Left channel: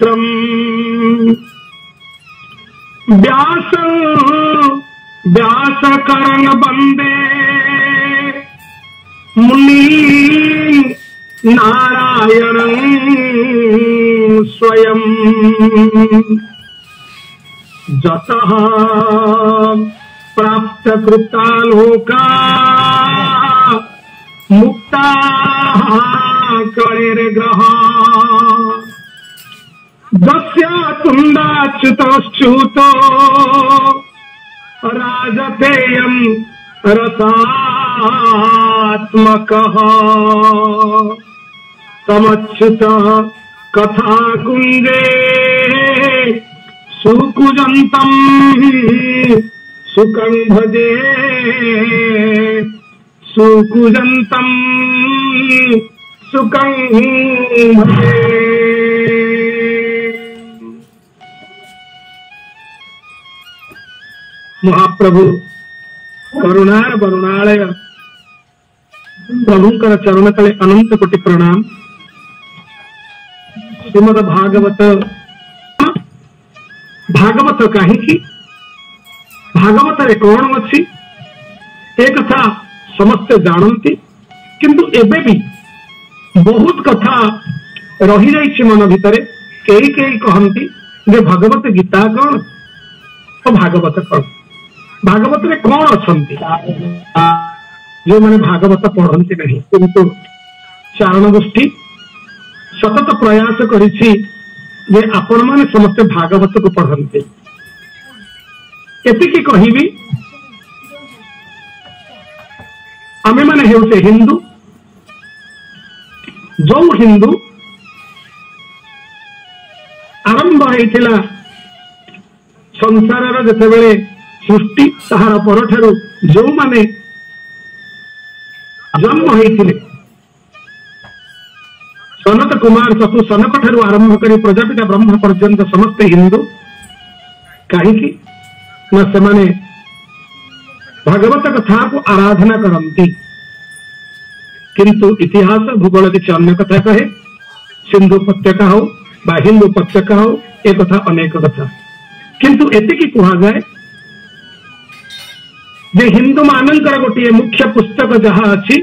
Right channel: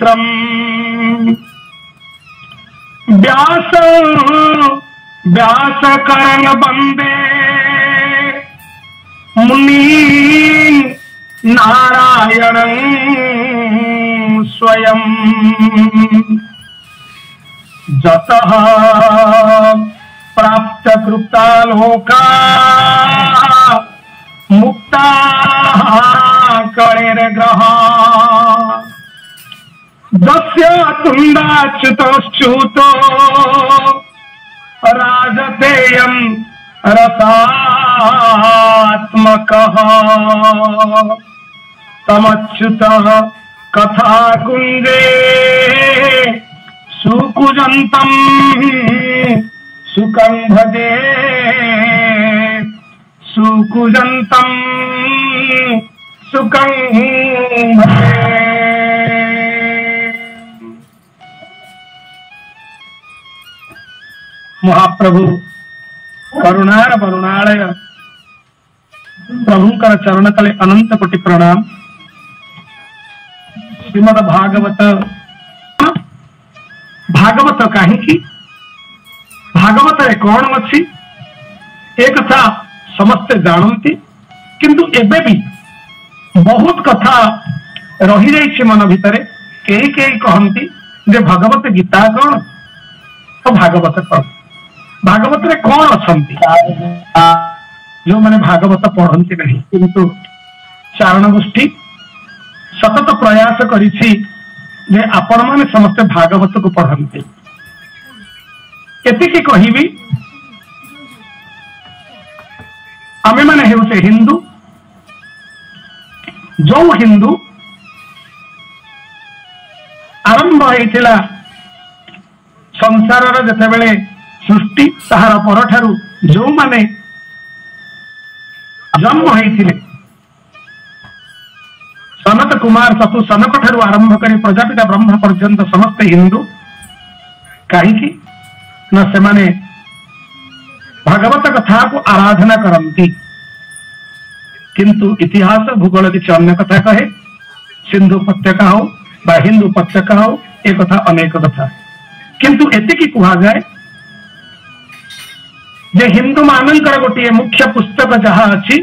पुत्रम व्यास व्यास करण वंदे मुनि नारायण स्वयं जतः प्राप्त कृता लोका मुक्ता कणेर ग्रह दस्य तुंडाच्युतश्च्युतो राजतेयं रसात्मकः तमच्युतः कथा कुंजे सुकुजन्तं सुखं भजे सुकुजन्तं सुखं भजे। महाप्रभु करुणार वरुणालय प्रभुंकर चरण तले अनंत कोटि प्रणाम। श्रीमद भागवत भागवत कहीं भागवत कौन अच्छी एक कथा समस्ते जानती किंतु एबे भी बहुत कथा रही जाइए मन भितर कई कई कहती जे भागवत गीता कौन तो भागवत कौन भागवत रे कौन अच्छी जो मैंने भागवत पढ़ती नहीं किंतु चारण गोष्ठी सतत प्रयास करिछि जे आपण माने समस्त भागवत को पढ़ते एतिकी कहिबी आमे माने हेउसे हिंदू जो हिंदू आरंभ होइतिला संसार जते बेले सृष्टि ताहार परठारु जो माने जन्म होइतिले सनत कुमार सतु सनक ठारू आरंभ करी प्रजापिता ब्रह्म पर्यंत समस्त हिंदू कहीं न सेमाने भागवत कथा को आराधना करती किंतु इतिहास भूगोल किसी अन्य कथा कहे सिंधु उपत्यका हो बा हिंदू उपत्यका हो एक कथा अनेक कथा किंतु एतिकी कहा जाए जे हिंदू मानकर गोटे मुख्य पुस्तक जहाँ अच्छी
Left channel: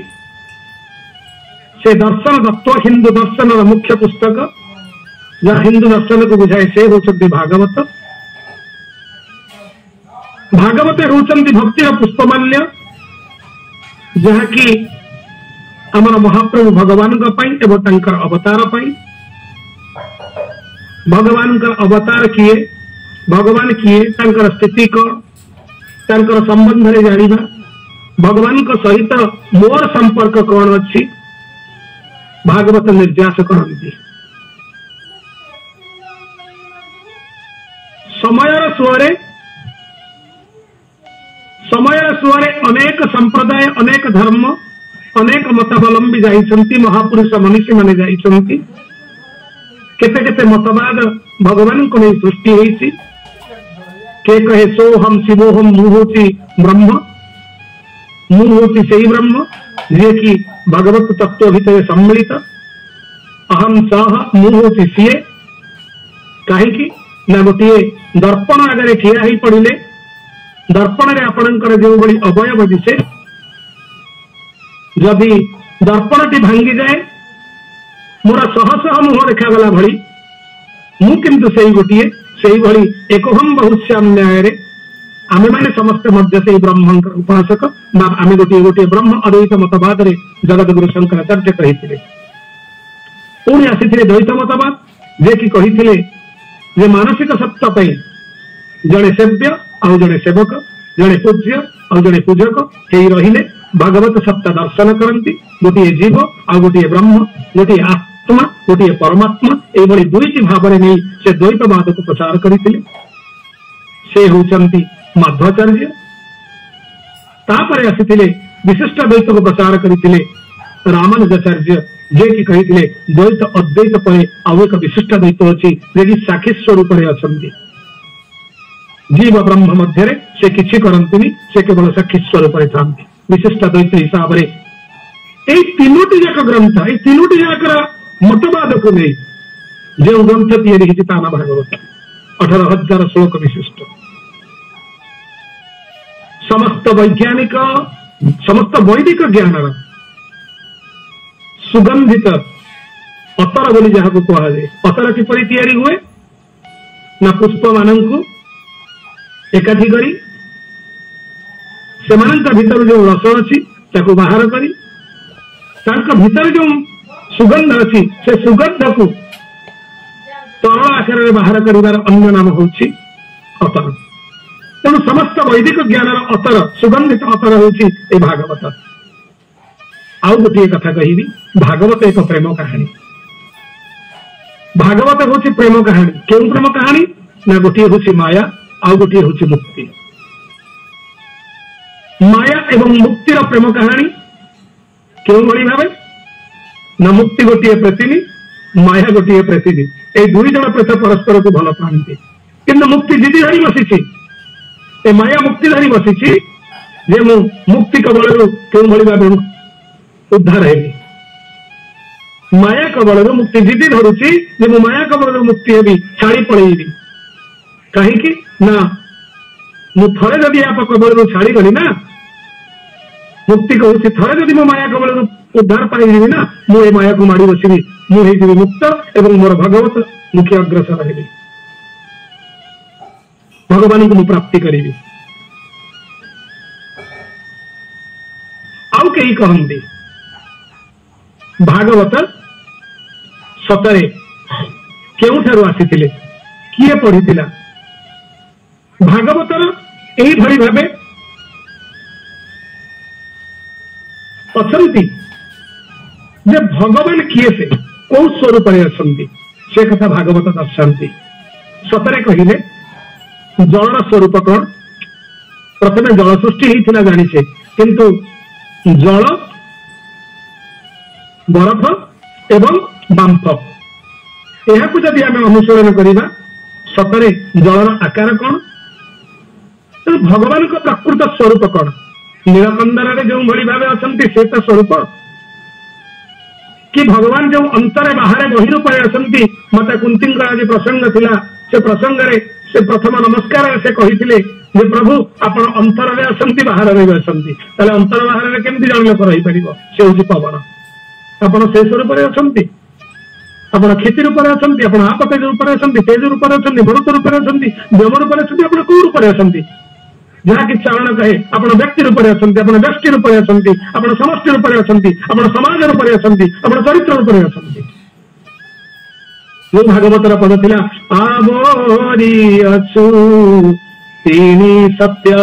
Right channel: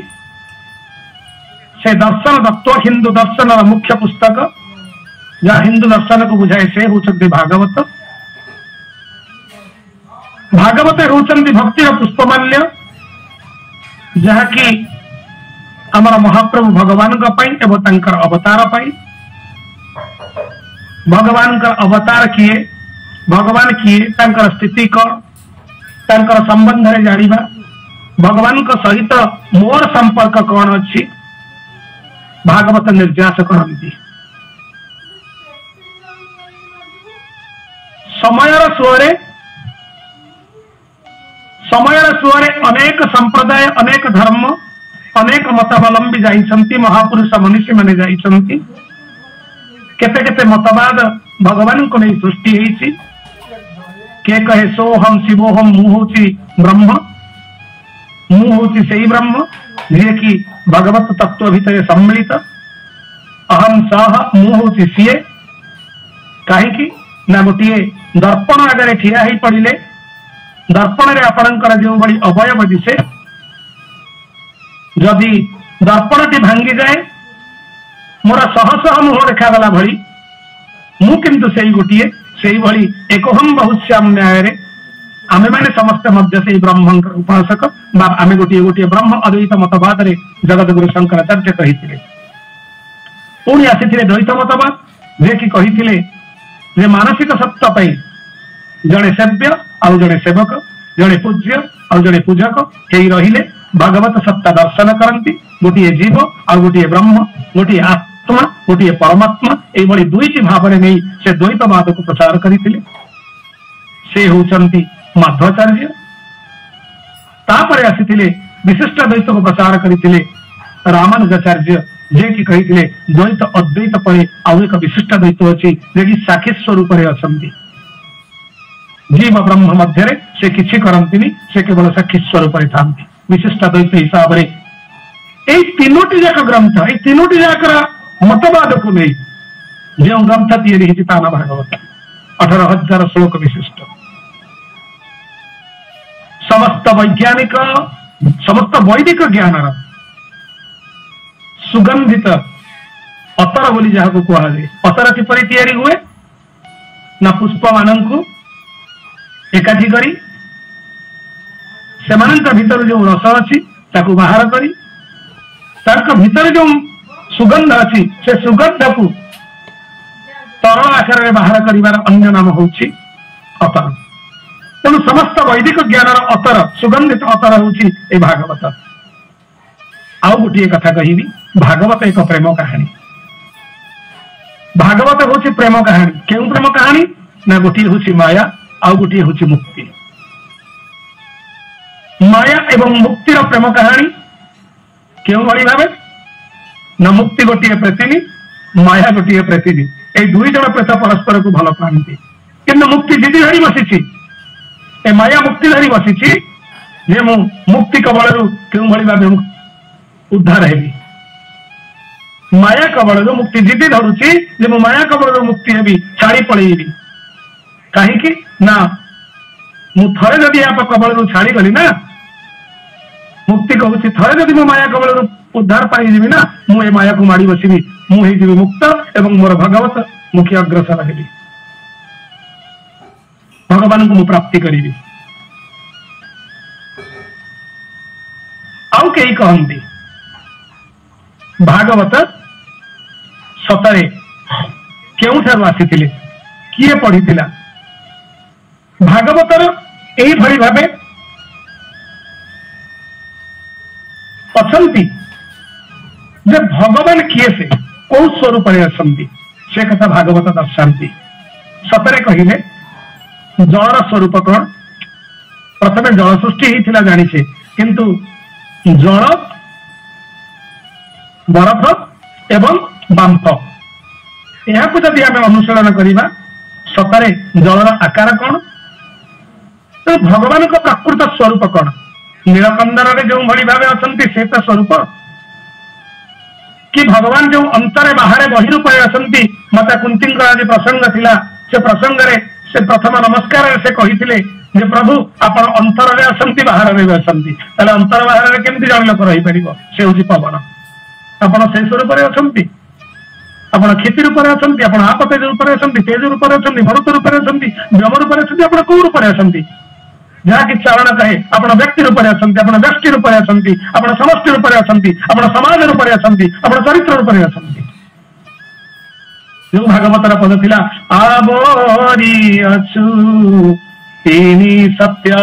से दर्शन तत्व हिंदू दर्शन मुख्य पुस्तक जहाँ हिंदू दर्शन को बुझाए से होचंती भागवत भागवत होचंती भक्तिर पुष्पमाल्य जहाँ की आमर महाप्रभु भगवान एवं तांकर अवतार भगवान का अवतार किए भगवान किए तांकर स्थिति कौन तांकर संबंध रे जानिबा भगवान को सहित मोर संपर्क कौन अच्छी भागवत निर्यास करती समयर सुअरे अनेक संप्रदाय अनेक धर्म अनेक मतावलंबी जाइछंती महापुरुष मनीषी माने जाइछंती केते केते मतवाद भगवान को नहीं सृष्टि होइछि के कहे सोहम शिवोहम मुहूति ब्रह्म मुहूति से ब्रह्म जे कि भगवत तत्व भितर सम्मिलित अहम सह मुहूति सीए कहीं ना गोटे दर्पण आगे ठिया ही पड़े दर्पण रे आपणकर जो बड़ी अवयव दिशे जदि दर्पण टी भांगी जाए मोर शह शह मुह देखागला भली मु किंतु से गोटे से भली एकहम बहुश्याम न्याय आमे माने समस्त मध्य से ब्रह्म उपासक आमे गोटे गोटे ब्रह्म अद्वैत मतवाद रे जगतगुरु शंकराचार्य कहिथिले पुणी आसीथिले द्वैत मतवाद जे कि कहिथिले जे मानसिक सत्ता पई जड़े सेव्य आउ जड़े सेवक जड़े पूज्य आउ जड़े पूजक कई रहिले भागवत सत्ता दर्शन करती गोटे जीव आउ गोटे ब्रह्म गोटे आत्मा गोटे परमात्मा ये दुईटी भाव में नहीं से द्वैतवाद को प्रचार करते से होचंती माध्वाचार्य तापर आसीथिले विशिष्ट द्वैत को प्रचार करते रामानुजाचार्य जे कि कही द्वैत अद्वैत पर आउ एक विशिष्ट द्वैत अच्छी जे कि साक्षी स्वरूप अच्छी जीव ब्रह्म मध्य से किसी करती से केवल साक्षी स्वरूप था विशिष्ट द्वैत हिसाब से तीनोटी जाक ग्रंथ तीनोटी जाकर मतवाद को नहीं जो ग्रंथ तैयारी ताना भागवत 18,000 श्लोक विशिष्ट समस्त वैज्ञानिक समस्त वैदिक ज्ञान सुगंधित अतर बोली जहाँ को कहुए अतर किपरि तैयारी हुए ना पुष्प मान एकाठी करी सेमानंक भीतर जो रस अच्छी ताको बाहर करी ताक भीतर जो सुगंध अच्छी से सुगंध को तरल आकार में बाहर करिवार अन्य नाम होछि अतर तेणु समस्त वैदिक ज्ञान अतर सुगंधित अतर होछि ए भागवत आउ गोटे कथा कहिबी भागवत एक प्रेम कहानी भागवत होछि प्रेम कहानी केउ प्रेम कहानी ना गोटे होछि माया आउ गोटे होछि मुक्ति माया एवं मुक्तिर प्रेम कहानी क्यों भली भावे ना मुक्ति गोटे प्रेतिनी माया गोटे प्रेतिनी ए दुई जन प्रेत परस्पर को भल पाती किंतु मुक्ति जिदी धरी बसी ए माया मुक्ति धरी बसी जे मु मुक्ति कबल क्यों भली भावे उद्धार हेबी माया कबल मुक्ति जिदी धरुची जे मु माया कबल मुक्ति हेबी छाड़ी पड़ेबी कहीं ना मु थरे जदि आप कबल छाड़ी गली ना मुक्ति कहूँ थरे जदि मो माया कबल उद्धार पाई ना मुझे माया को माड़ी बसबी मुझे मुक्त एवं मोर भगवत मुख्य अग्रसर हेबी भगवान को प्राप्ति करी आउ कई कहती भागवत सतरे केउठारु आसीथिले किए पढ़ी भागवतर यही भली भावे अछंती जे भगवान किए से कौ स्वरूप से कथा भागवत दर्शाती सतरे कहिले जलर स्वरूप कौन प्रथम जल सृष्टि होता जानिछे किंतु जल बरफ एवं बांफ यह जदि आम अनुसरण करवा सतरे जलर आकार कौन तो भगवान का प्रकृत स्वरूप कौन नीलकंदर जो भली भाव अच्छा से तो स्वरूप कि भगवान जो अंतरे बाहर बहिरूप आसती माता कुंती आज प्रसंग थिला से प्रसंग से प्रथम नमस्कार से कही प्रभु आप अंतर में आसती बाहर भी आसती अंतर बाहर केमती जन लोक रही पार से हूँ पवन आप से स्वरूप आप क्षिति रूप आप आपतेज रूप तेज रूप भरत रूप व्योम रूप आप कौ रूप जहाँकि चारण कहे आप व्यक्ति रूप आप व्यक्ति रूप आप समष्टि रूप आप समाज रूप आप चरित्र रूप जो भागवतर पद थिला आवरी अछु तीनी सत्य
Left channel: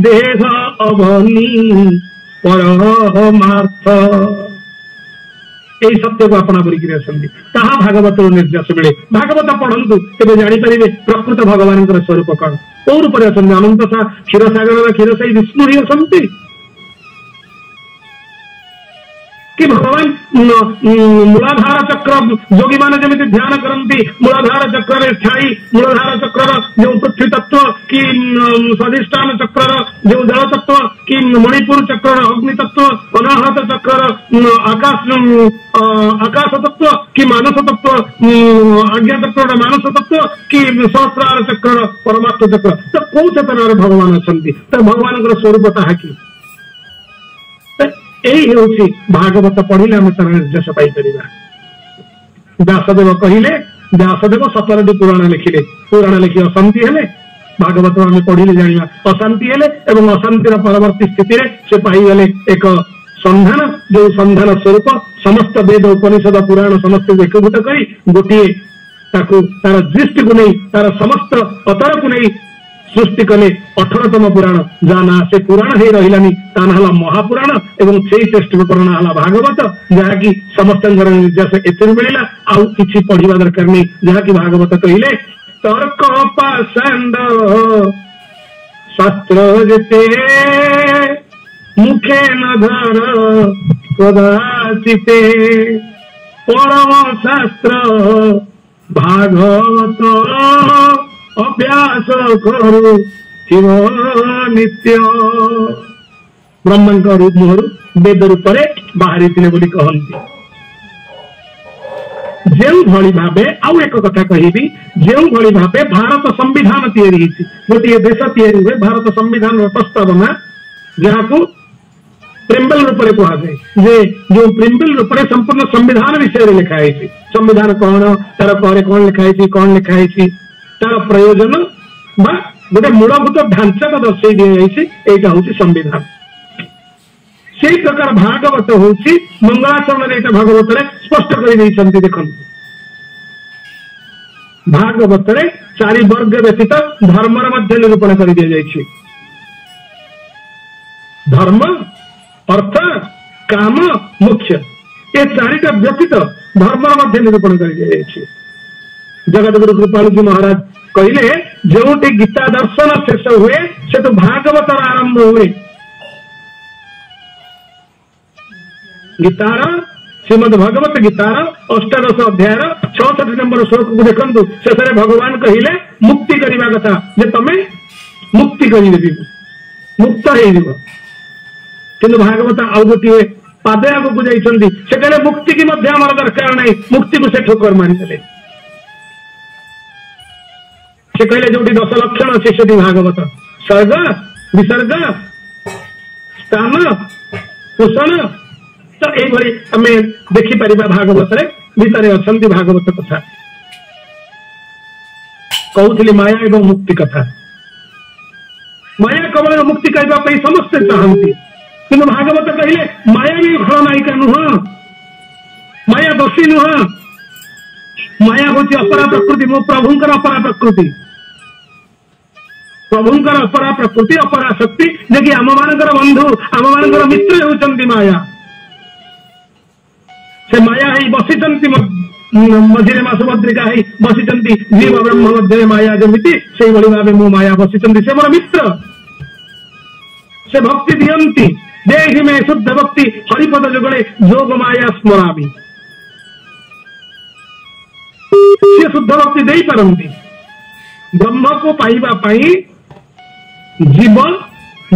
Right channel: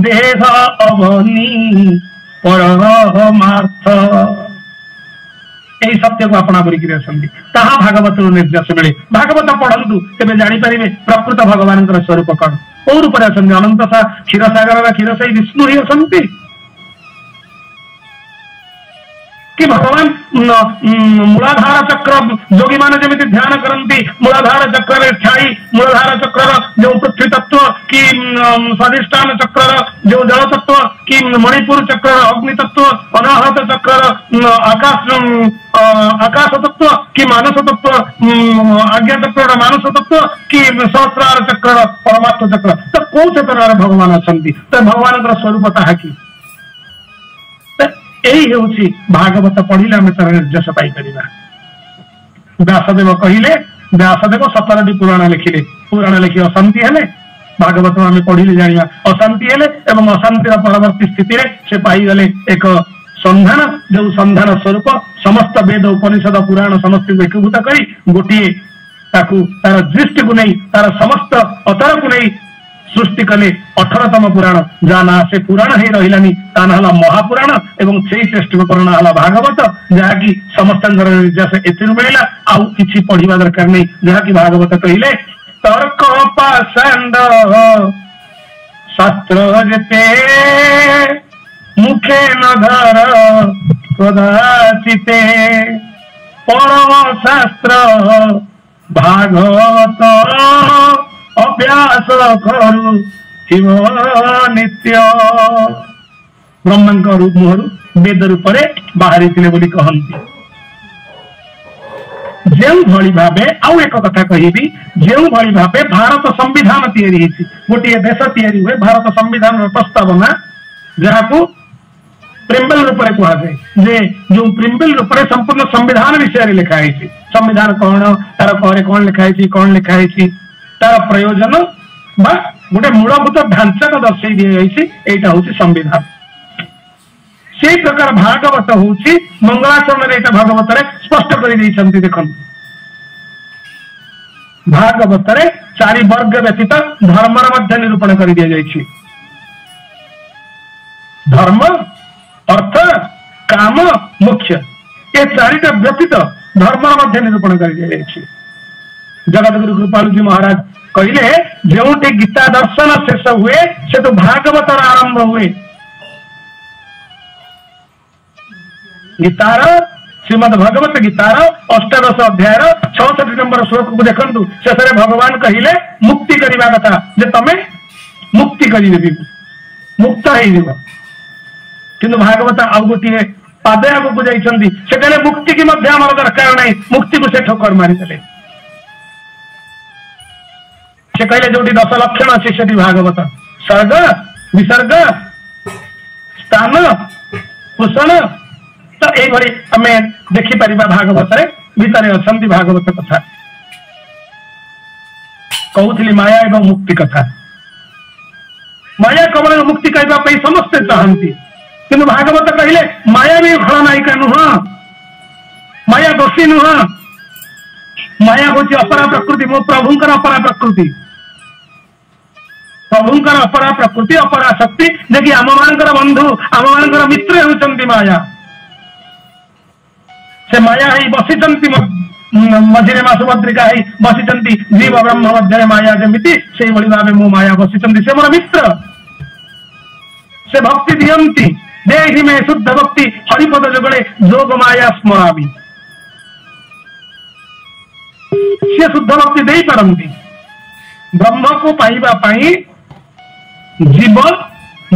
देह अवनी परमार्थ यही सत्य को अपना करा भागवत निर्देश मिले भागवत पढ़ंतु केबे जानी परिबे प्रकृत भगवान स्वरूप कौन कौ रूप अनंत क्षीर सागर क्षीरसाई विष्णु ही असंति कि भगवान मूलाधार चक्र योगी मान जमी ध्यान करती मूलाधार चक्र स्थायी मूलाधार चक्र जो पृथ्वी तत्व कि स्वादिष्ठान चक्र जो जल तत्व कि मणिपुर चक्र अग्नि तत्व अनाहत चक्र आकाश तत्व कि मानस तत्व आज्ञा चक्र मानस तत्व कि सहस्रार चक्र परमात्म चक्र तो कौ चक्र भगवान अच्छा तो भगवान स्वरूप ताहा कि यही हूँ भागवत पढ़िले आम तार निर्देश पाइपर व्यासदेव कहले व्यासदेव 17टी पुराण लिखिले पुराण लिखि अशांति हेले भागवत आम पढ़िले जाना अशांति हेले एवं अशांतिर परवर्ती स्थिति से पाईगले एक संधान जो संधान स्वरूप समस्त वेद उपनिषद पुराण समस्त एकभूत कर गोटे तार दृष्टि को नहीं तार समस्त अतर को नहीं सृष्टि कले 18तम पुराण जाना से पुराण ही रहिलानी ताना हला महापुराण एवं सेही श्रेष्ठ पुराण हला भागवत जहाँकि समस्त निर्देश एथिरु मिलिला आउ किछि पढ़िबा दरकार नहीं जहाँकि भागवत कहिले तर्क पाषांड शास्त्र जते मुखे न धर कदाचिते परम शास्त्र भागवत अभ्यास करू नित्य ब्रह्म रूप मुहर वेद रूप बाहरी कहती जो भली भावे आउ एक कथा कहबी जो भली भावे भारत संविधान तैयारी गोटे देश तैयारी हुए भारत संविधान प्रस्तावना जहाँ को प्रिम्बल रूप में कहुए जे जो प्रिम्बल रूप में संपूर्ण संविधान विषय में लिखाई संविधान कौन तार कौन कौन लिखाई कौन लिखाई तार प्रयोजन बा गोटे मूलभूत ढांचा को दर्शाई दिया हूँ संविधान से प्रकार भागवत हूँ मंगलाचरण भागवत स्पष्ट कर देखो भागवत चारि वर्ग व्यतीत धर्मर मध्य निरूपण कर दि जाए धर्म अर्थ काम मोक्ष ये चारिटा व्यतीत धर्मर मध्य निरूपण कर दि जाए जगतगुरु कृपालु जी महाराज कहले जो गीता दर्शन शेष हुए से तो भागवत आरंभ हुए गीतार श्रीमद भगवत गीतार अष्टादश अध्याय 66 नंबर श्लोक को देखु शेष भगवान कहले मुक्ति करने कथा जे तमें मुक्ति कर मुक्त हो किंतु भागवत आउ गोटे पादे आगू जाइए मुक्ति की आम दरकार नहीं मुक्ति को से ठोकर मारिदे से कहले जो 10 लक्षण अच्छे से भागवत सर्ग विसर्ग स्थान पोषण तो यही आम देखिपर भागवत भितर अच्छा भागवत कथा कहूली माया एवं मुक्ति कथा माया कबल मुक्ति करने समस्ते चाहती किंतु भागवत कहले माया भी खलनायिका नुह माया दोषी नुह माया हूँ अपरा प्रकृति मो प्रभुंकर अपरा प्रकृति प्रभुंकर अपरा प्रकृति अपरा शक्ति जे आम मानकर बंधु आम मानकर मित्र होती माया से माया ही बसी मझे माँ सुभद्रिका ही बसी जीव ब्रह्म मध्य माया जमी से भाव मो माया बसी से मोर मित्र से भक्ति दियंती देहि में शुद्ध भक्ति हरिपद जुगले जोग माया स्मरामि से शुद्ध भक्ति दे पारती ब्रह्म को पाइबा पाई जीव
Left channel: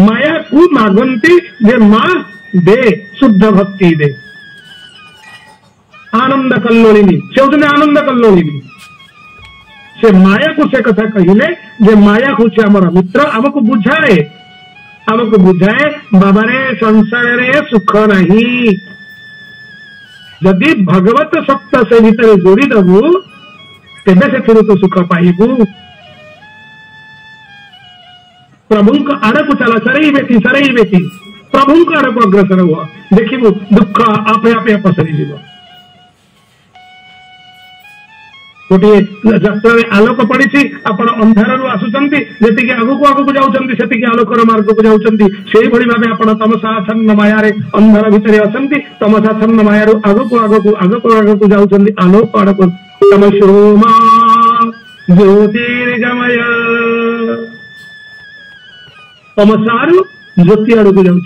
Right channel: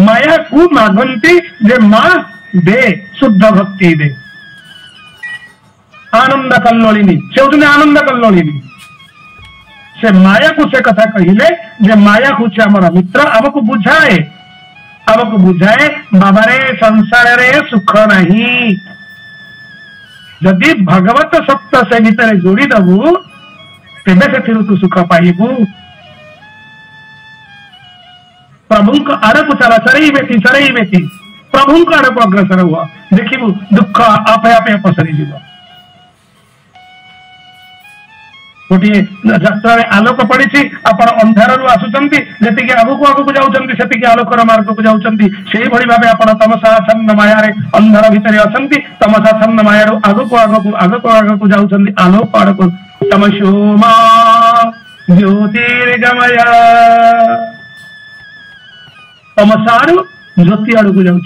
माया को मागंती जे मां दे शुद्ध भक्ति दे आनंद कल्लोलिनी से होती आनंद कल्लोलिनी से माया को से कथा कहले जे माया हूँ आमर मित्र आमको बुझाए आमको बुझाए बाबारे संसार रे सुख नहीं जदि भगवत सत्य से भीतर जोड़ी दबु तेबे से तो सुख पाइबू प्रभु को आड़ को चला सरई बेटी प्रभु को आड़ को अग्रसर हुआ देखिबू दुख आपे आपे पसरी जीव गोटे यात्रा आलोक पड़ी आपण अंधार आसुंच जी आगू आगू जाती आलोकर मार्ग को जाती से भाव आप तमसाच्छन्न माया अंधार भितर अच्छा तमसाच्छन्न माया आगू आगू जाती आलोक आड़ को तमसोमा ज्योतिर्गमय तमसारू ज्योति आड़ को जाऊँ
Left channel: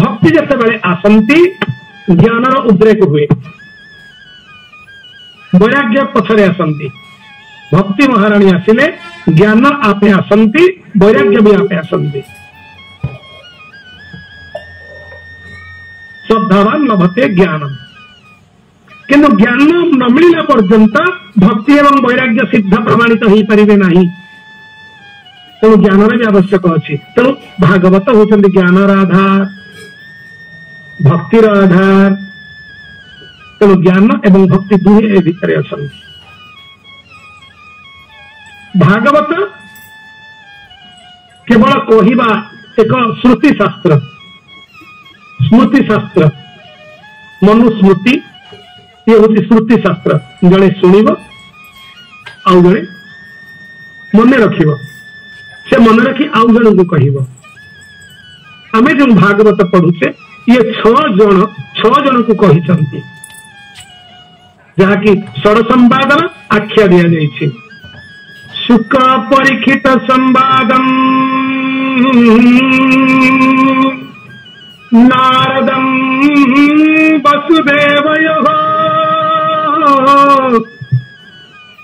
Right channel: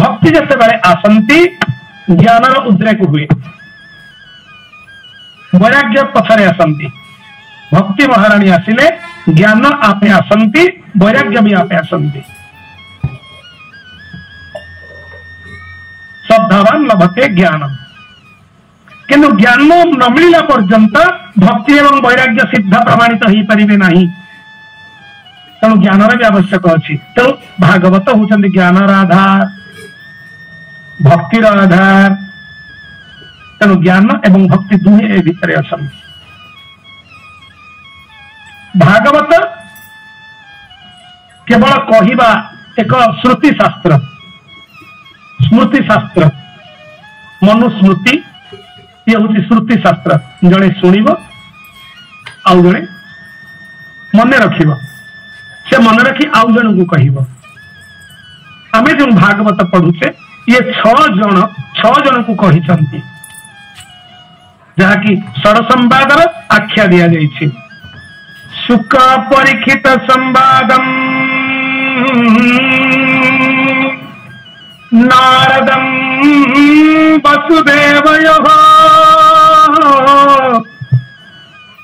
भक्ति जिते बड़े आसती ज्ञान उद्रेक हुए वैराग्य पथरे आसती भक्ति महाराणी आसिले ज्ञान आपे आसती वैराग्य भी आपे आसती श्रद्धावान लभते ज्ञान किंतु ज्ञान न मिलला पर्यंत भक्ति एवं वैराग्य सिद्ध प्रमाणित हो पारे ना तेणु ज्ञान भी आवश्यक अच्छी तेणु भागवत होती ज्ञानर आधार भक्तिर आधार तेणु ज्ञान एवं भक्ति दुहे भितर अच्छा भागवत केवल कहवा एक श्रुति शास्त्र स्मृति शास्त्र मनुस्मृति ये हूँ श्रुति शास्त्र जड़े शुणव आउ जड़े मन रख से मन रखी आउ जन को कह आम जो भागवत पढ़ुचे ये 6 जन को कही जहाँकि षड संवादर आख्या दि जाए सुख परीक्षित संवादम नारदम वसुदेवयोः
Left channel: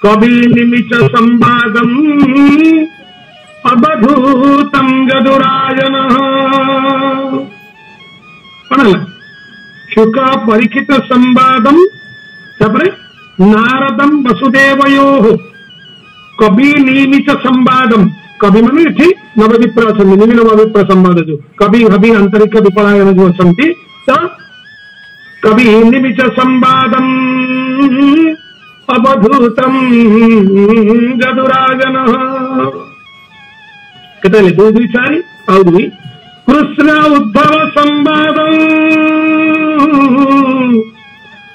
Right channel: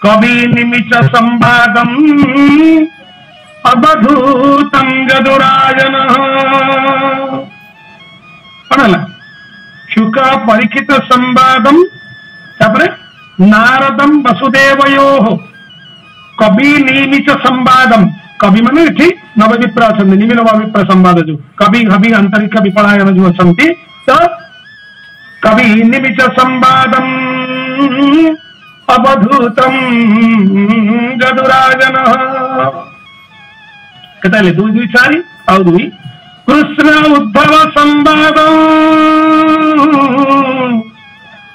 कवि निमिष संवादम अवधूतम जदुराजन शुक परीक्षित संवादम तापरे नारदम वसुदेवयो कवि निमित संवादम कवि माने इठी नवविप्र अछंती निमि नवविप्र संवाद जो कवि हवि आंतरिक विपलायन जो अछंती तो कवि निमित संवादम अवधूतम जदुराजन केतले 2 2 4 और 2 कृष्ण उद्धव संवाद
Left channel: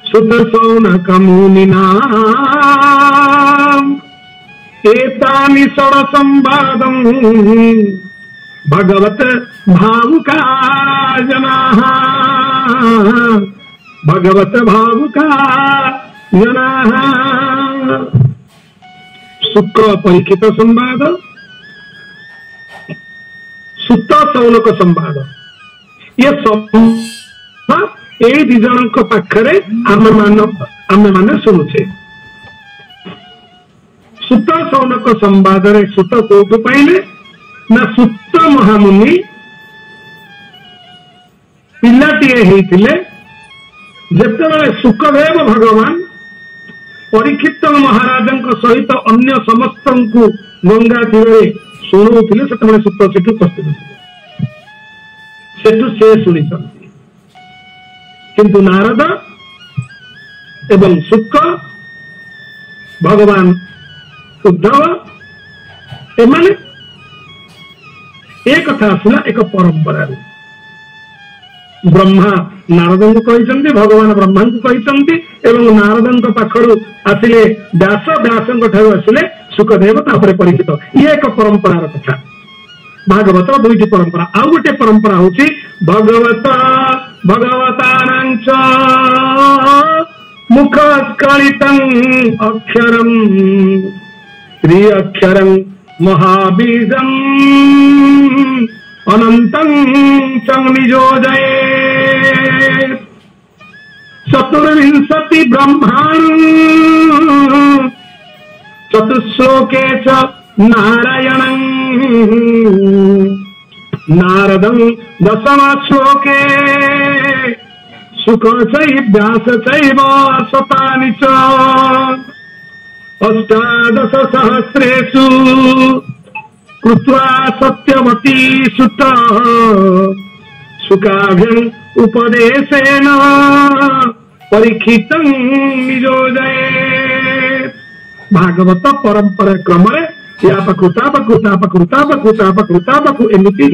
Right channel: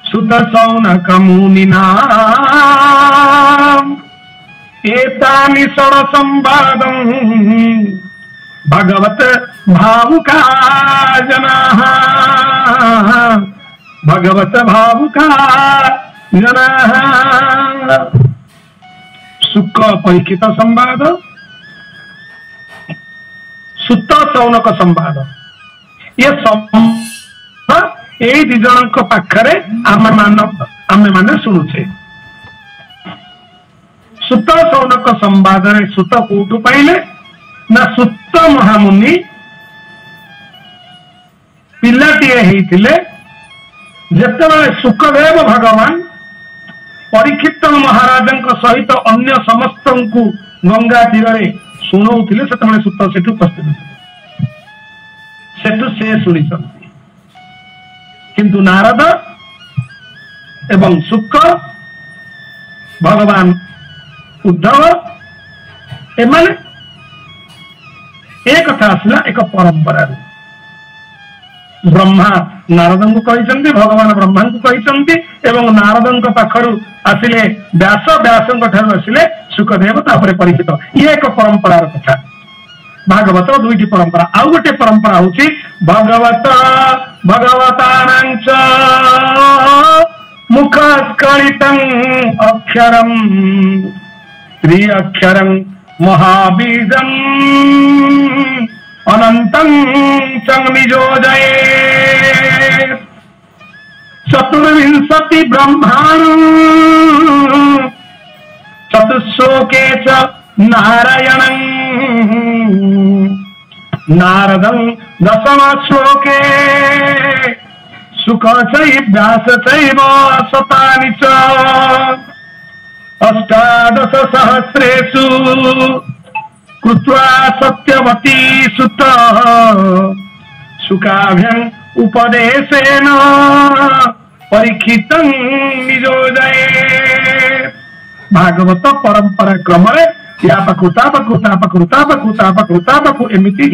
सुत सौनक मुनिना एतानि षड संवादं भगवत भावुका जनाः भगवत भावुका जनाः सुख परीक्षित संवाद सुत सौनक संवाद ये सब ए दी जन पाखरे आमे माने शुणुचे सुत सौनक संवाद रे सुत कोटु पाइले ना सुत महामुनि पिलाटीए हेतिले जेतेबेले सुखदेव भगवान परीक्षित महाराजंक सहित अन्य समस्तंकु गंगा तीरे शुणुथिले सेतेबेले सुत सेठु उपस्थित सेठु से शुणिसंती किंतु नारद एवं शुक भगवान उद्धव एमाने एक कथा आसला एक परंपरा ब्रह्मा नारद को कही भगवान ब्रह्मा को कही एवं नारद पाखरु आसिले व्यास व्यास आसिले सुखदेव तापर परीक्षित ये एक परंपरार कथा भागवत 2टी परंपरा आउ गोटे परंपरा होची भगवत भगवतानांच मुखस्खलितं अक्षरम त्रि अक्षरं महाबीजम् अनंतं संनियोजये चतुर्विंशति ब्रह्माणं चतुश्लोके च नारायणं नारदं दशम श्लोके सुख चैव व्यास चैव शतानि च अष्टादश सहस्रेषु कृत्वा सत्यवती सुत सुखाभ्यं उपदेशेन परीक्षितं नियोजये भागवत परंपरा क्रम या पकृतापकृतापकृतापकृतापकृतापकृ एमिति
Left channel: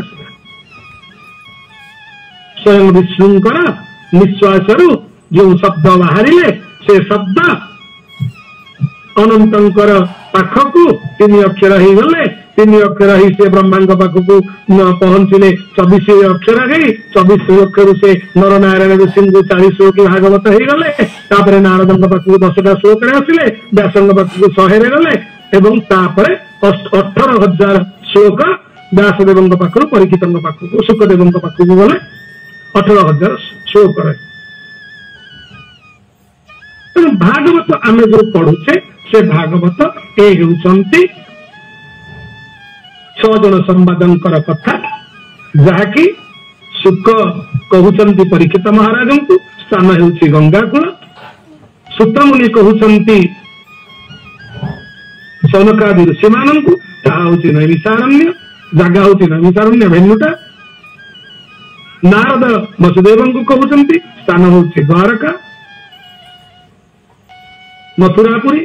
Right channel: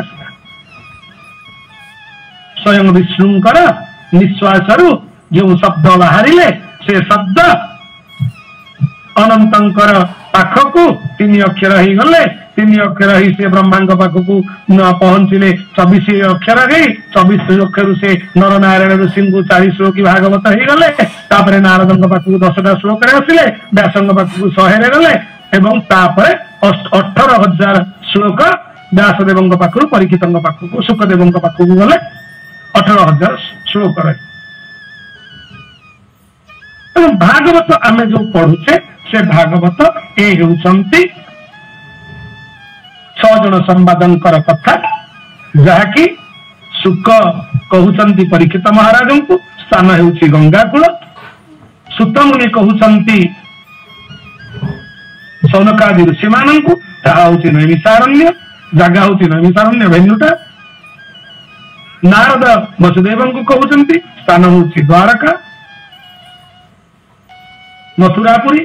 आसला स्वयं विष्णुंकर निश्वासरु जो शब्द बाहरिले से शब्द अनंतर पाखकू 3 अक्षर ही गले 3 अक्षर ही से ब्रह्मा पाखकू न पहुंचले 24 अक्षर गई 24 अक्षर से नर नारायण ऋषि को 4 श्लोक भागवत ही गले तापर नारद पाखकू 10टा श्लोक आसिले व्यास पाखकू 100 रे गले एवं तापर 18,000 श्लोक व्यासदेव पाखकू परीक्षित पाखकू सुखदेव पाखकू गले 18,000 श्लोक भागवत आमे जो पढ़ुचे से भागवत ए होउचंती 6 जन संवादंकर कथा जहाँकि सुख कहउचंती परीक्षित महाराज को स्थान हेउची गंगाकूल सुतमुनि कहउचंती सौनकादि ऋषि मानंकु ताहा होउची नैमिषारण्य जगह होउची नैमिषारण्य भेन्नुटा नारद वसुदेव को कहउचंती स्थान होउची द्वारका मथुरापुरी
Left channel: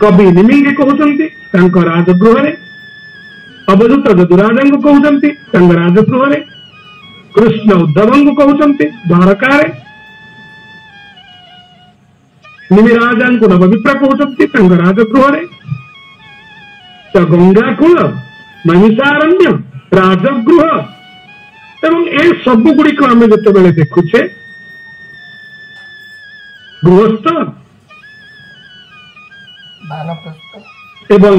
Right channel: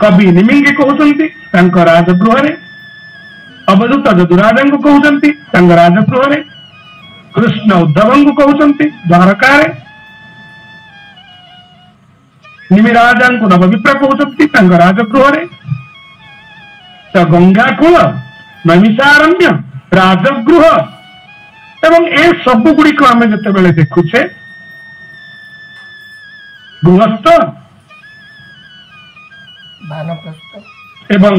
कवि निमिंगी कहउचंती राजगृह अवधूत जदुराजन को कहउचंती राजगृह कृष्ण उद्धव को कहउचंती द्वारका निमिराजन को नवविप्र कहउचंती राजगृह गंगाकूल नैमिषारण्य राजगृह एवं ए सब गुड़िक आम जिते देखुचे गृहस्थ एवं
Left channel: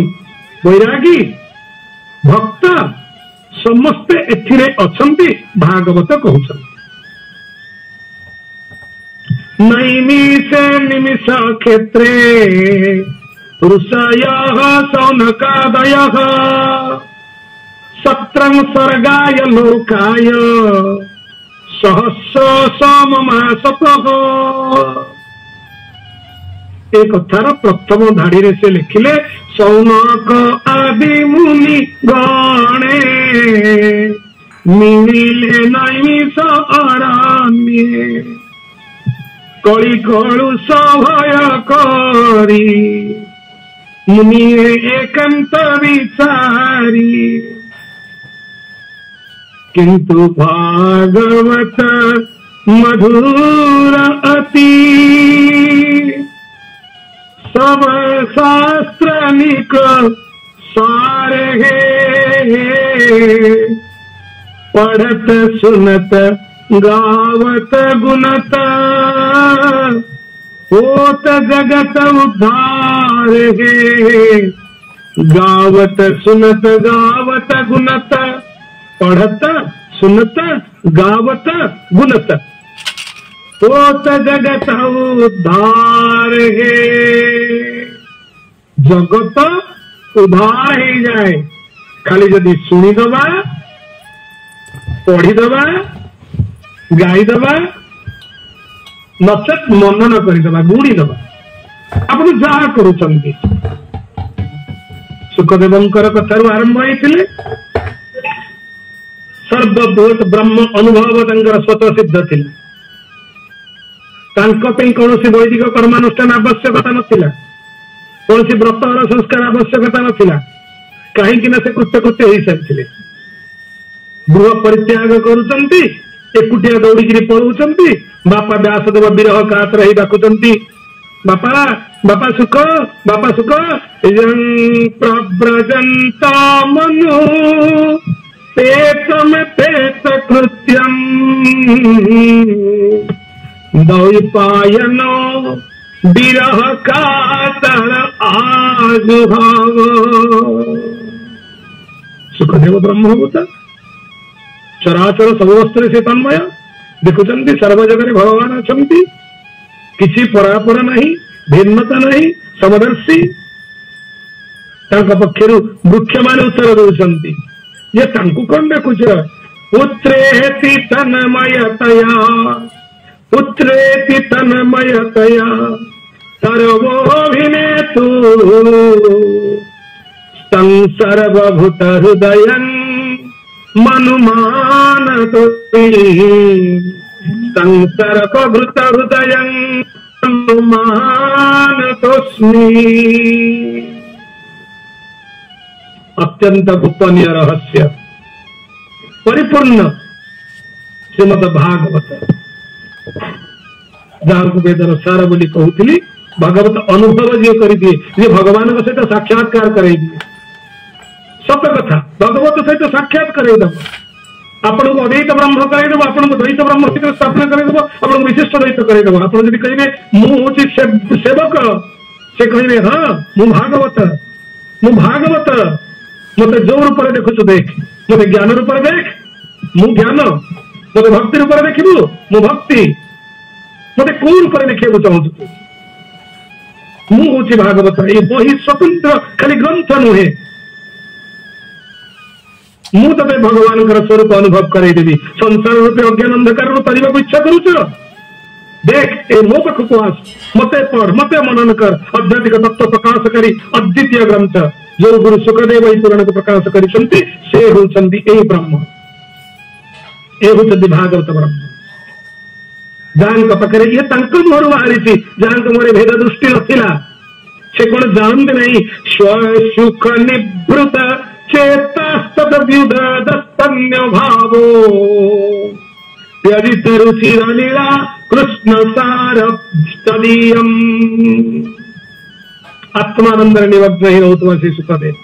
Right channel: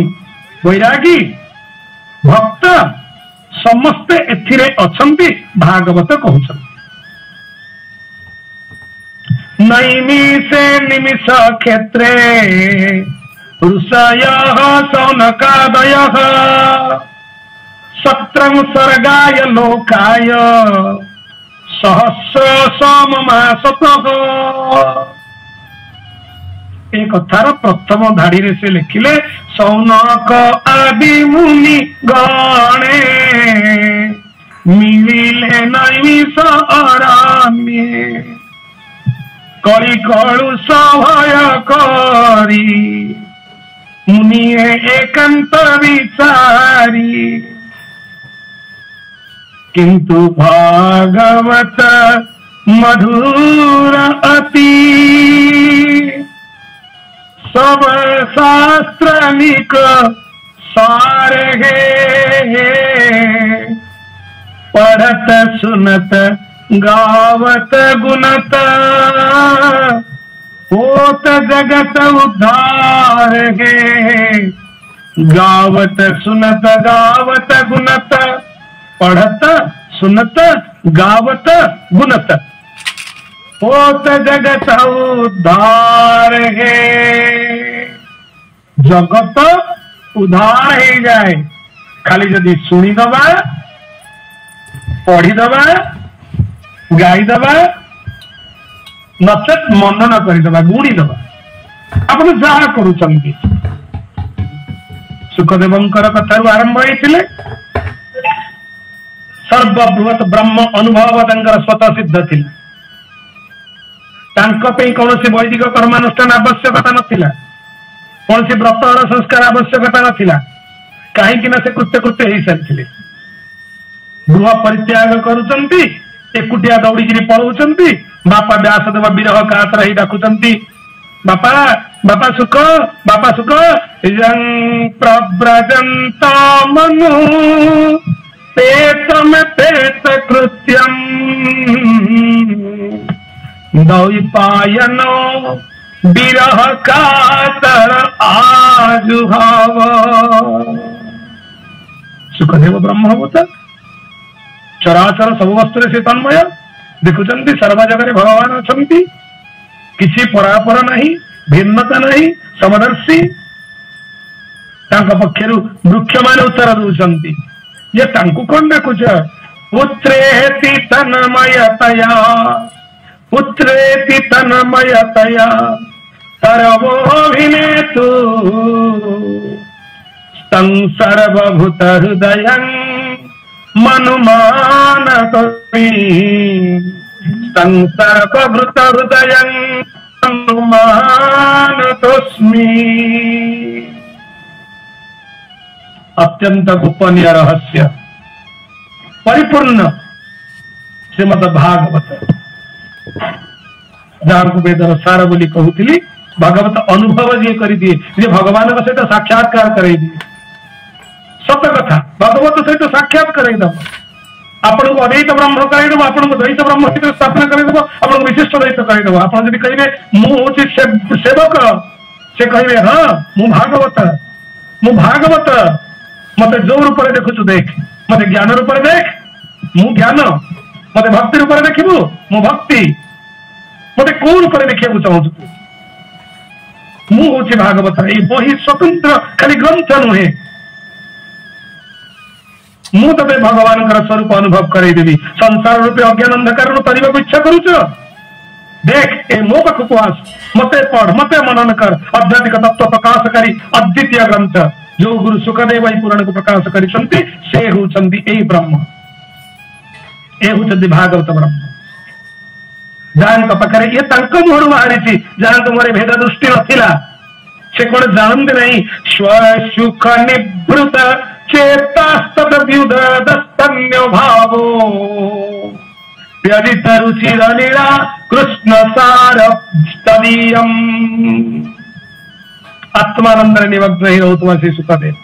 वैरागी भक्त समस्ते एथिरे अछंती भागवत कहउछंती नैमिषे निमिष क्षेत्रे ऋषयः सौनकादयः सत्रं सर्गाय लोकाय सहस्र सममासतः। ए कथार प्रथम धाड़ी से लिखिले सौनक आदि मुनि गणे मिलिले नैमिष अरण्ये कली कलु सभय करी मुनिए एकांत विचारी किंतु भागवत मधुर अति सब शास्त्र निक सार है पढ़त सुनत गावत गुणत होत जगत उद्धार है। गावत सुनत गावत गुणत पढ़त सुनत गावत गुणत होत जगत उद्धार है। जगत उद्धार हो जाए खाली जदि शुणीदबा पढ़ीदबा गाईदबा नचेत मनन करदबा गुणीदबा आपण जहा करुचंती। सुखदेवंकर कथारू आरंभ होइथिले सर्वबृहत ब्रह्म अनुभव तांकर स्वतः सिद्ध थिला। कौन वैदिक कर्मानुष्ठान आवश्यकता नथिला, कौन व्रत और संस्कार आवश्यकता नथिला, कहीं से कृत्य कृत्य हो सारी गृह परित्याग करुचंती एकुटिया दौड़ी पलाउंती। बापा व्यासदेव विरह कातर ही डाकुचंती बापा बापा सुख बापा सुख प्रव्रजंत मनु पेट में पेट कृत्यम द्वैपायन विरह कातर आजुहाव। सुखदेव ब्रह्मभूत चराचर सब वस्तु से तन्मय देखुचंती सर्व जगह भगवान अछंती किसी परापर नहीं भिन्नता नहीं समदर्शी। पक्षर वृक्ष मान उत्तर दौरान ये कौन देखुच पुत्रेति तन्मयतया पुत्रेति तन्मयतया सर्वोऽभिनेतु सर्वभूत हृदय मनुमानतोऽस्मि सर्वभूत हृदय मनुमानतोऽस्मि। अत्यंत गोपनीय रहस्य परिपूर्ण श्रीमद भागवत जहाँ को वेदर सार बोली कहूली भागवत अनुभव जी कर दिए जे भगवान सहित साक्षात्कार कराई दिए। सत कथा भगवत सहित साक्षात कराईद आपन को अद्वैत ब्रह्म कराईद आपन को द्वैत ब्रह्म सहित स्थापना कराईद आपन को विशिष्ट द्वैत कराईद। आपन यदि कहे मु सेवक से कहे हाँ मु भागवत मत जो रूप देखु देख मत ज्ञान रूप देख मु ज्ञान मत भक्ति रूप देखू मु भक्ति मत कौ रूप देखा चाहूँ मुझे भागवत ये बही स्वतंत्र खाली ग्रंथ नुहे मु ते भगवान स्वरूप अनुभव करदेवी संसार रूपे अज्ञान अंधकार करने को इच्छा करुच देख ए मो पाखक आस मते पढ़ मते मनन कर आध्यात्मिक तत्व प्रकाशकारी अद्वितीय ग्रंथ जो गुरु सुखदेव पुराण को प्रकाश कर ब्रह्म ए भागवत ब्रह्म जहाँ पाखे ये मुहर बाहरी जहाँ मोर भेद दृष्टि नथिला से कौन जानते नहीं स्वसुख निवृत चेतास्तव्युदस्तन्य भावो व्यजित रुचिर लीला कृष्ण सार तदीयम। आत्मानंद निमग्न ही रोतुमा श्री सुखदेव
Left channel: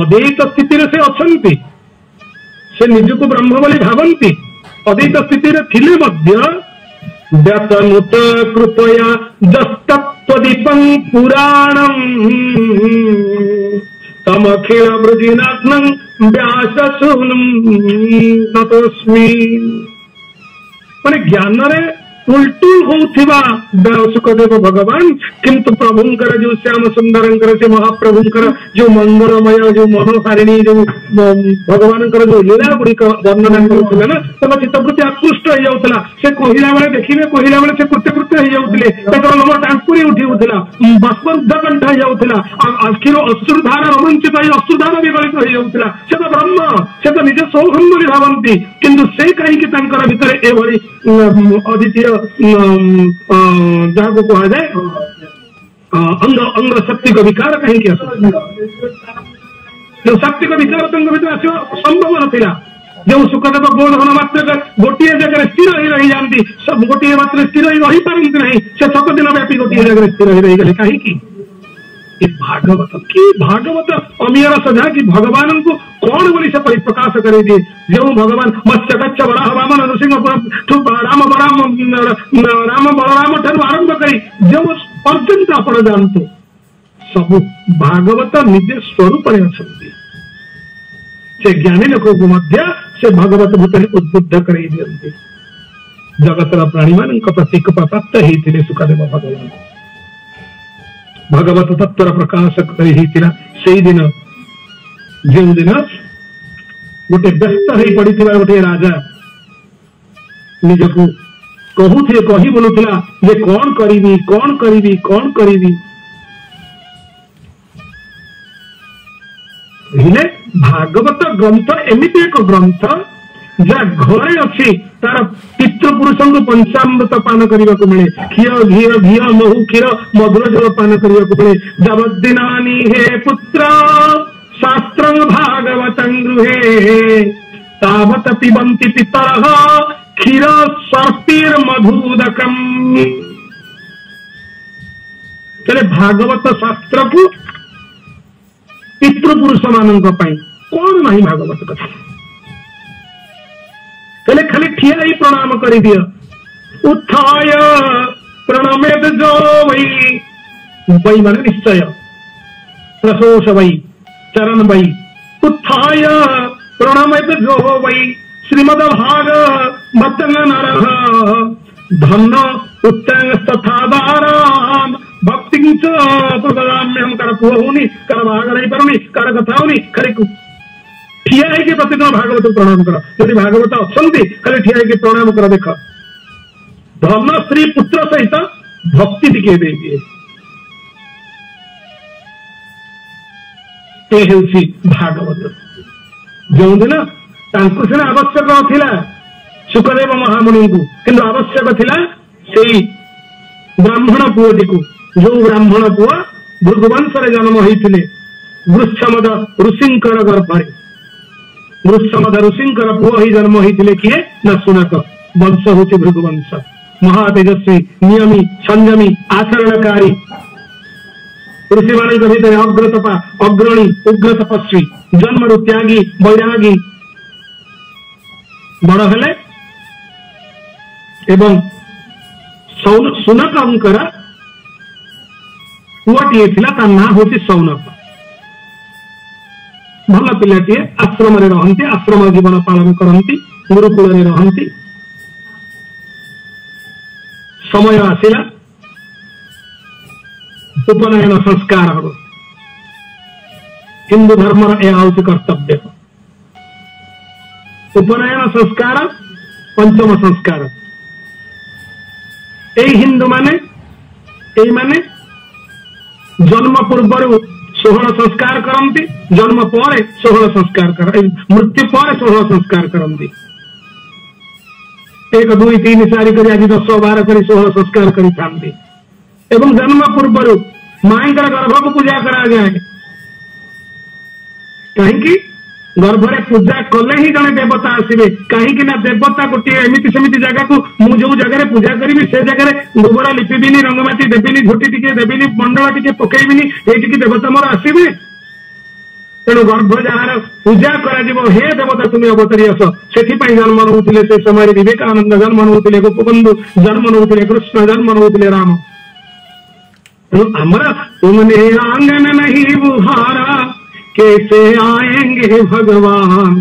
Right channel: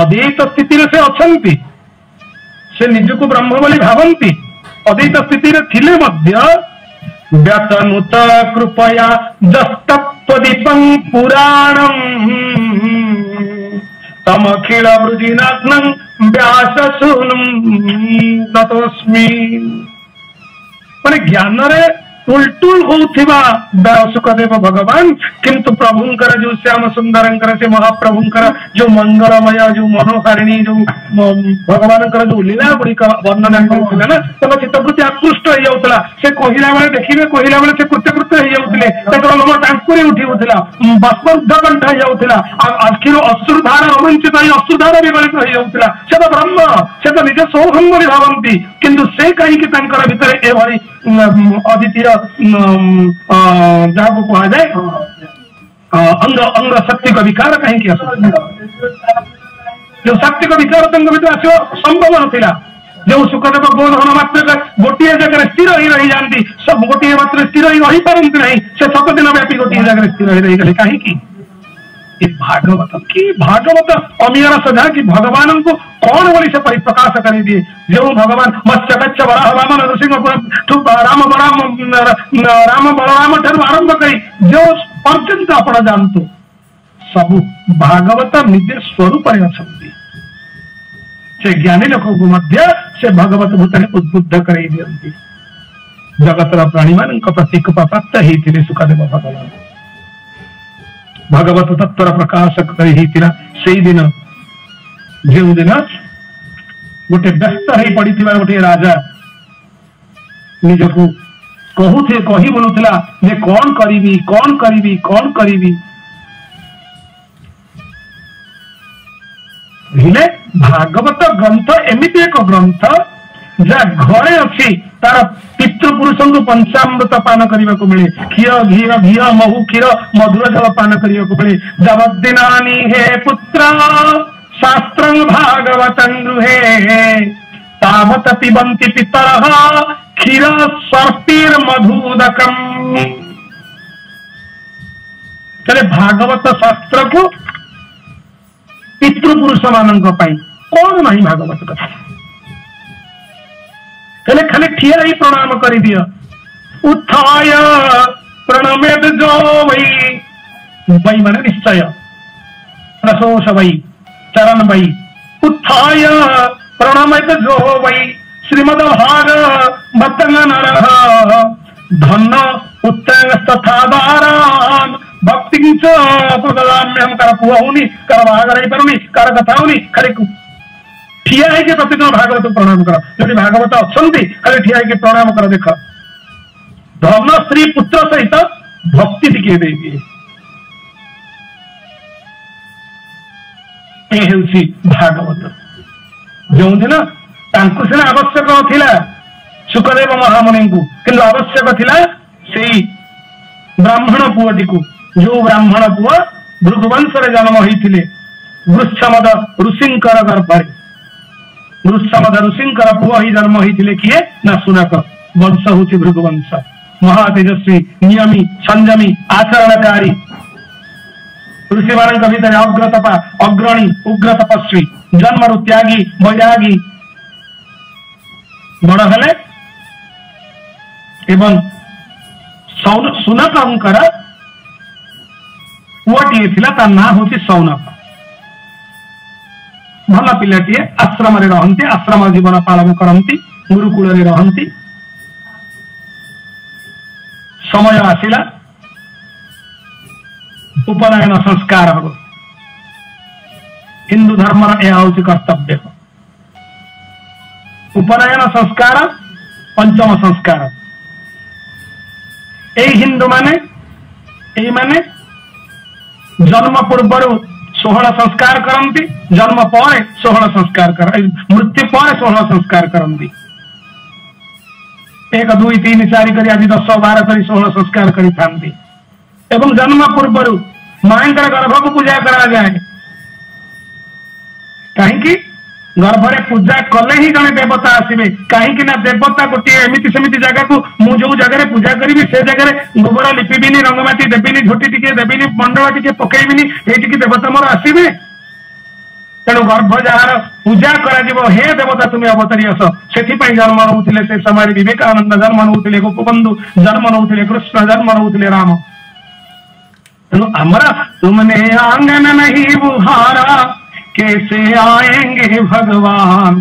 अद्वैत स्थिति से अच्छा से निजको ब्रह्म बोली भावती अद्वैत स्थिति थिले व्यतनुत कृपया दस्तत्वदीपं पुराणं तमखिल वृजिनात्मं व्याससूनं नतोऽस्मि। माने ज्ञान रे टुलटुल होउथिबा सुखदेव भगवान किंतु प्रभुंकर जो श्याम सुंदरंकर से महाप्रभुंकर जो मंगलमय जो मनोहारिणी जो भगवान जो लीला गुड़िक वर्णना करते ना चित्तवृत्ति आकृष्ट हो जाऊला से कहला बेले देखिए कहला बेले से कृत्यकृत्य हो जाते लोम टांकुरी उठिला बाष्पोद्धाबंध हो जाऊला आखिर अश्रुधार रोमांचित अश्रुधार विगलित हो जाऊला से तो ब्रह्म से तो निज सौभम भावती किंतु से कहीं भितर एभली अद्वितीय जहाँ को कहा जाए अंग अंग शक्ति का विकार कहीं जो शक्ति का विकार अंग भितर आस संभव नाला जो सुखदेव बोधन मात्र गोटे जगह स्थिर ही रही जाती सब गोटे मात्र स्थिर ही रही पारती नहीं से 7 दिन व्यापी गोटे जगह स्थिर ही रही गले कहीं भागवत कि भागवत अमीर सजा कि भगवान को कौन बोली से परिप्रकाश कर दिए जो भगवान मत्स्य कच्छ वराह वामन नृसिंह राम बलराम ठार आरंभ करी जो पर्यंत आप जानते सब भागवत निज स्वरूप से ज्ञानी लोक को मध्य से भगवत भूत उद्बुद्ध कर जगतर प्राणी मान प्रतीक प्राप्त होते सुखदेव भगवान भगवत तत्वर प्रकाशक से दिन जो दिन गोटे व्यस्त हो पड़ी गोटे राजा निजको कहूथे कही बोलूला जे कौन करी कौन करी कौन करी भागवत ग्रंथ एमती एक ग्रंथ जहाँ घरे अच्छी तार पितृपुरुष को पंचामृत पान करने को मिले क्षीर घी घी महु क्षीर मधुर जल पान करने को मिले जबदिनानी हे पुत्र शास्त्र भागवत गृहे तावत पिबंति पितर क्षीर सर्पीर मधुदकम चले भागवत शास्त्र को पितृपुरुष मान कौन नहीं भागवत कथा खाली खाली ठिया ही प्रणाम कर दिया उत्थाय प्रणमेद जो वही माने निश्चय प्रशोष वही चरण वही उत्थाय प्रणमेद जो वही श्रीमद भाग बतंगन धन उत्तंगस्थादारान भक्ति प्रदाम्यम कर पुआ होनी कर भाग नहीं पारुनी कर कथा होनी खाली ठिया है कि प्रतिदिन भागवत प्रणाम कर जो भागवत अच्छा खाली ठिया है कि प्रणाम कर देख धर्म स्त्री पुत्र सहित भक्ति टिके दे दिए भागवत जो दिन सीना आवश्यक थिला सुखदेव महामुनि को किंतु आवश्यक थिला सेई ब्राह्मण पुअटी को जो ब्राह्मण पुआ भृगुवंश जन्म होते वृक्षमद ऋषिंकर गर्भरे वृक्षमद ऋषिंकर पुआ ही जन्म होते किए ना सुनाक वंश हूँ भृगुवंश महातेजस्वी नियमी संयमी आचरणकारी ऋषि मान भीतर अग्रतपा अग्रणी उग्र तपस्वी जन्मरु त्यागी वैरागी बड़ हेले एवं सुनकर पुअटीए ता ना हूँ सौनक भल पिलाटीए आश्रम रहती आश्रम जीवन पालन करती गुरुकुल रहती समय आसिला उपनयन संस्कार हम हिंदू धर्म यह हूँ कर्तव्य उपनयन संस्कार पंचम संस्कार हिंदू माने जन्म पूर्व 16 संस्कार करती जन्म पर 16 संस्कार कर मृत्यु पर 16 संस्कार करती 1 2 3 4 कर आज 10 12 कर 16 संस्कार करती एवं जन्म पूर्व माँ गर्भ को पूजा करा जाए कहीं गर्भरे पूजा कले ही जड़े देवता आसवे कहीं देवता गोटे एमती सेमती जगह को मुझे जो जगह पूजा करी से जगह गोबरा लिपिबिनी रंगमाटी देविनी झोटी टिके देविनी मंडल टिके पकईबिनी ये देवता मोर आसवे तेणु गर्भ जार पूजा कर हे देवता तुम्हें अवतरी आस से जन्म नौते से समय विवेकानंद जन्म नौते गोपबंधु जन्म नौते कृष्ण जन्म नौते राम तेणु हमारा तुमने आंगन नहीं बुहारा कैसे आएंगे भगवान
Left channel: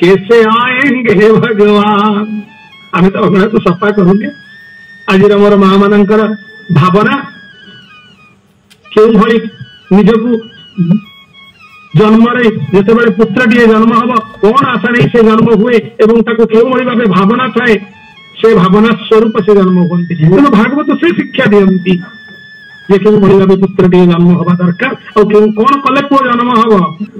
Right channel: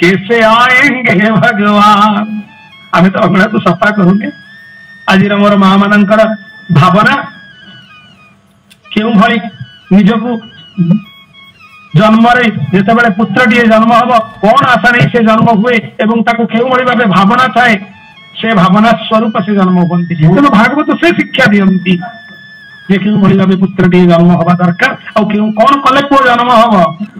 कैसे आएंगे भगवान आम तो अगड़ा तो सफा करूंगे आज मोर माँ मानकर भावना क्यों भली निजकू जन्म जिते पुत्रटीए जन्म हम कौन आशा नहीं से जन्म हुए एवं ताको क्यों भाव भावना थाए से भावना स्वरूप से जन्म हुए तेणु भागवत से शिक्षा दिखती जे क्यों भाव पुत्रटीए जन्म हवा दरकार और कौन कले पुओ जन्म हम